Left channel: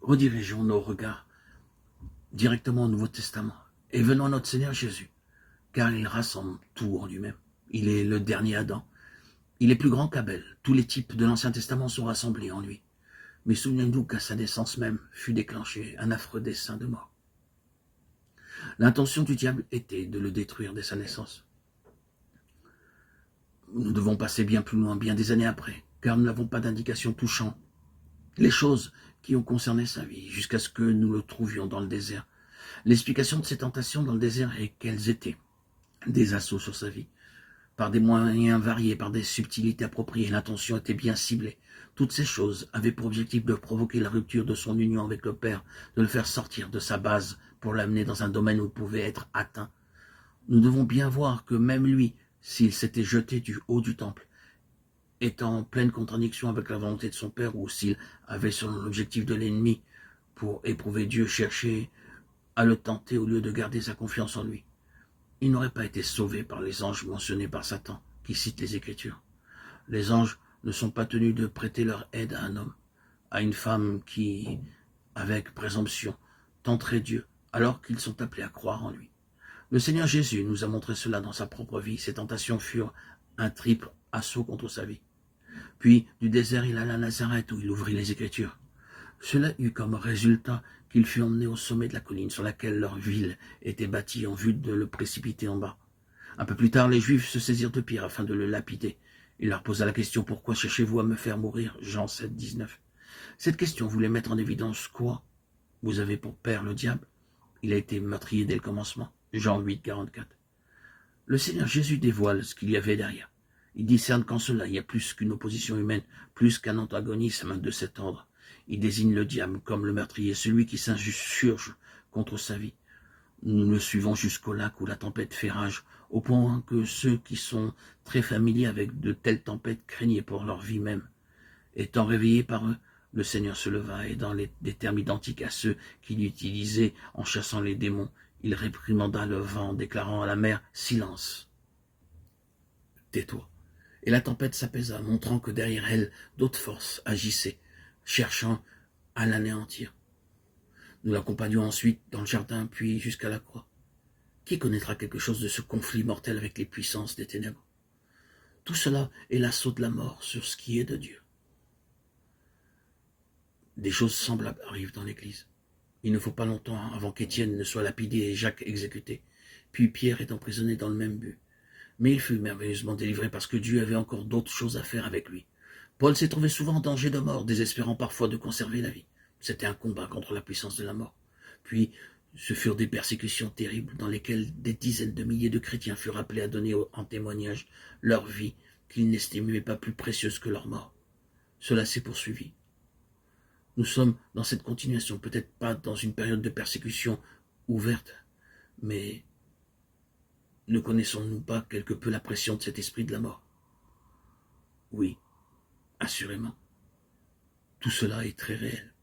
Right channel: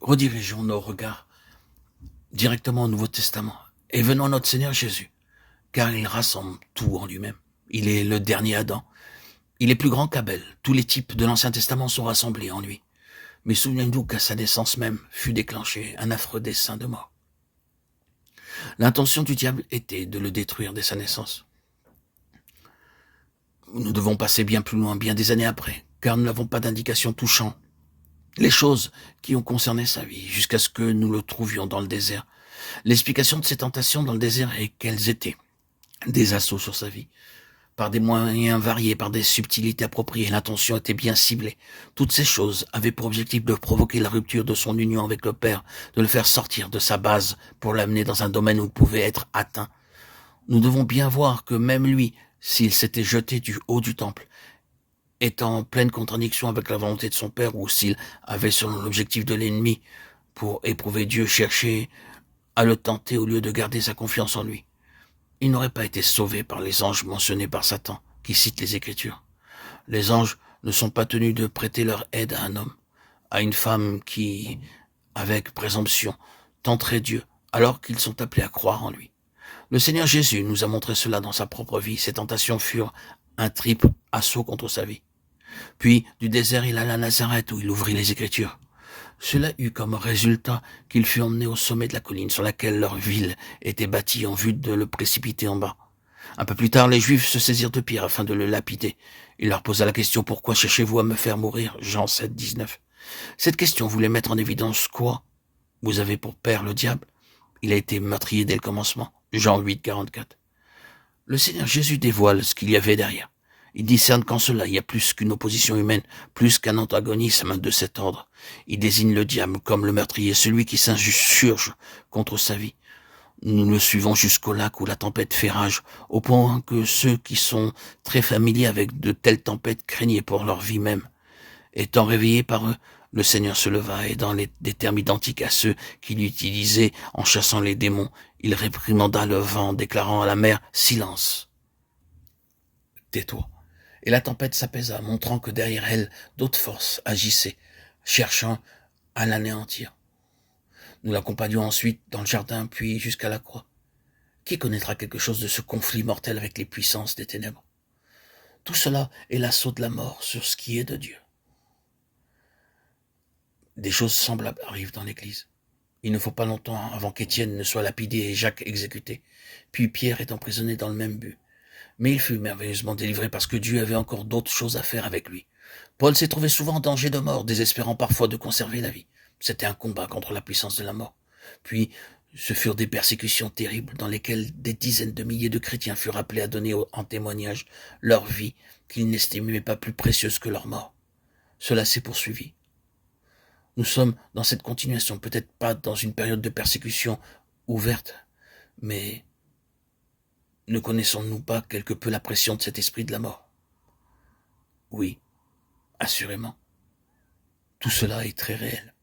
redirigeons nos regards directement au Nouveau Testament et venons à notre Seigneur Jésus, car il rassemble tout en lui-même. Il est le dernier Adam. Il est plus grand qu'Abel. Tous les types de l'Ancien Testament sont rassemblés en lui. Mais souvenez-nous qu'à sa naissance même fut déclenché un affreux dessein de mort. L'intention du diable était de le détruire dès sa naissance. Nous devons passer bien plus loin, bien des années après, car nous n'avons pas d'indication touchant les choses qui ont concerné sa vie, jusqu'à ce que nous le trouvions dans le désert. L'explication de ces tentations dans le désert est qu'elles étaient des assauts sur sa vie, par des moyens variés, par des subtilités appropriées. L'intention était bien ciblée. Toutes ces choses avaient pour objectif de provoquer la rupture de son union avec le Père, de le faire sortir de sa base pour l'amener dans un domaine où il pouvait être atteint. Nous devons bien voir que même lui, s'il s'était jeté du haut du temple, est en pleine contradiction avec la volonté de son Père, ou s'il avait selon l'objectif de l'ennemi pour éprouver Dieu, cherché à le tenter au lieu de garder sa confiance en lui. Il n'aurait pas été sauvé par les anges mentionnés par Satan, qui cite les Écritures. Les anges ne sont pas tenus de prêter leur aide à un homme, à une femme qui, avec présomption, tenterait Dieu, alors qu'ils sont appelés à croire en lui. Le Seigneur Jésus nous a montré cela dans sa propre vie. Ses tentations furent un triple assaut contre sa vie. Puis, du désert, il alla à Nazareth, où il ouvrit les Écritures. Cela eut comme résultat qu'il fut emmené au sommet de la colline sur laquelle leur ville était bâtie en vue de le précipiter en bas. Un peu plus tard, les Juifs se saisirent de Pierre afin de le lapider. Il leur posa la question: « Pourquoi cherchez-vous à me faire mourir ?» Jean 7, 19. Cette question voulait mettre en évidence quoi? Vous avez pour père le diable. Il a été meurtrier dès le commencement. Jean 8, 44. Le Seigneur Jésus dévoile ce qu'il y avait derrière. Il discerne qu'en cela, il y a plus qu'une opposition humaine, plus qu'un antagonisme de cet ordre. Il désigne le diable comme le meurtrier, celui qui s'insurge contre sa vie. Nous le suivons jusqu'au lac où la tempête fait rage, au point que ceux qui sont très familiers avec de telles tempêtes craignaient pour leur vie même. Étant réveillé par eux, le Seigneur se leva et dans des termes identiques à ceux qu'il utilisait en chassant les démons, il réprimanda le vent, déclarant à la mer: « Silence, tais-toi. » Et la tempête s'apaisa, montrant que derrière elle, d'autres forces agissaient, cherchant à l'anéantir. Nous l'accompagnions ensuite dans le jardin, puis jusqu'à la croix. Qui connaîtra quelque chose de ce conflit mortel avec les puissances des ténèbres? Tout cela est l'assaut de la mort sur ce qui est de Dieu. Des choses semblables arrivent dans l'Église. Il ne faut pas longtemps avant qu'Étienne ne soit lapidé et Jacques exécuté. Puis Pierre est emprisonné dans le même but. Mais il fut merveilleusement délivré parce que Dieu avait encore d'autres choses à faire avec lui. Paul s'est trouvé souvent en danger de mort, désespérant parfois de conserver la vie. C'était un combat contre la puissance de la mort. Puis, ce furent des persécutions terribles dans lesquelles des dizaines de milliers de chrétiens furent appelés à donner en témoignage leur vie qu'ils n'estimaient pas plus précieuse que leur mort. Cela s'est poursuivi. Nous sommes dans cette continuation, peut-être pas dans une période de persécution ouverte, mais ne connaissons-nous pas quelque peu la pression de cet esprit de la mort? Oui, assurément. Tout cela est très réel.